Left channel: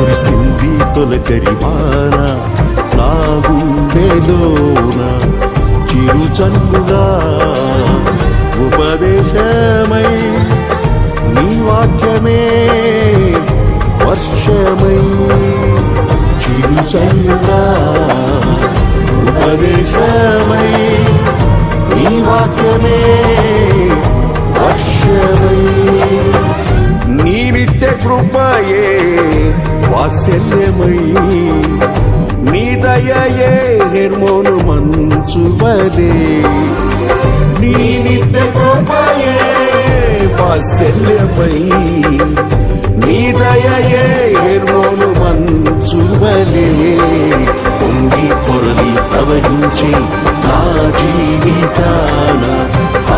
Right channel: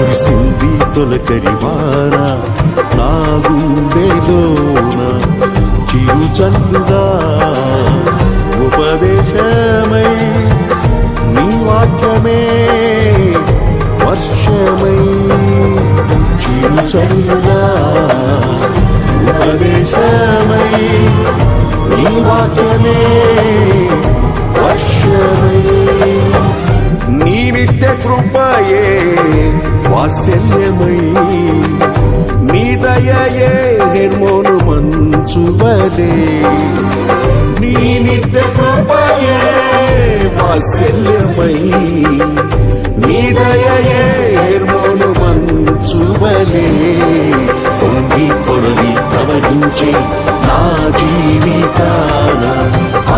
కురిసింది తొలకరివాన నా గుండెలోన చిరుచల్లుగా ఉపదేశమై నీ వాక్యమే వర్షమై చిరుచల్లుగా ఉపదేశమై నీ వాక్యమే వర్షమై నీ నిత్య కృపయే వాత్సల్యమై నీ దయయే హెర్మోను మంచువలే నీ నిత్య కృపయే వాత్సల్యమై నీ దయయే హెర్మోను మంచువలే పొంగి పొరలి ప్రవహించే నా జీవితాన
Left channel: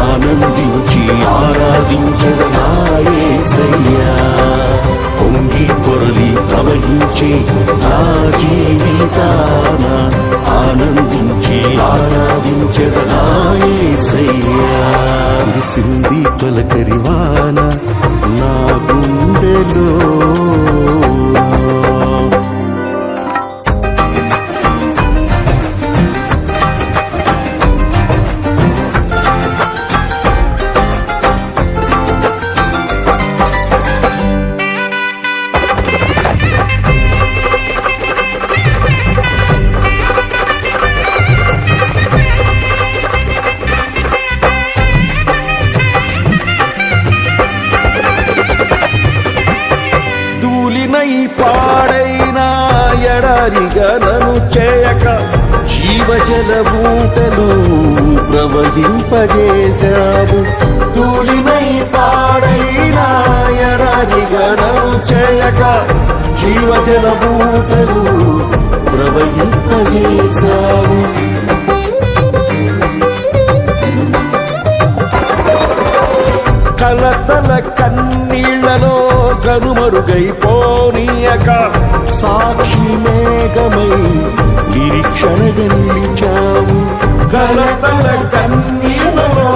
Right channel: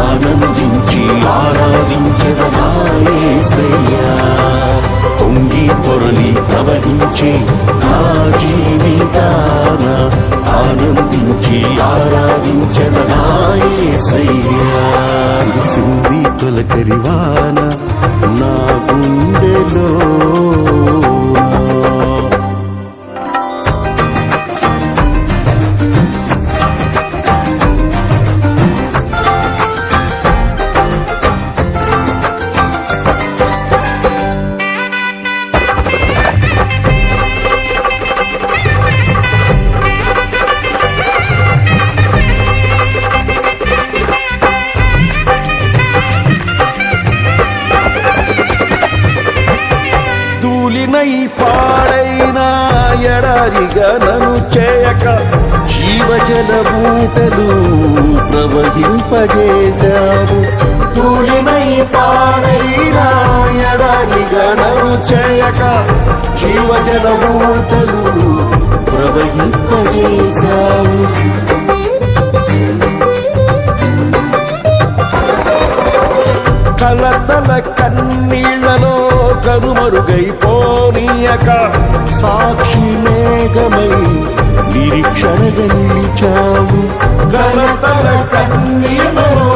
ఆనందించి ఆరాధించద నా యేసయ్యా పొంగి పొరలి ప్రవహించే నా జీవితాన ఆనందించి ఆరాధించద నా యేసయ్యా కురిసింది తొలకరివాన నా గుండెలో ధూళినై పాడైన ఎడారిగా నన్ను చేయక జీవజల బూటలు ప్రవహింపజేశావు ధూళినై పాడైన ఎడారిగా నన్ను చేయక జీవజల బూటలు ప్రవహింపజేశావు కలతల కన్నీళ్లలో కనుమరుగైపోనీయక సాక్షి మేఘమై నిరీక్షణగా నిలిచావు కలతల కన్నీళ్లలో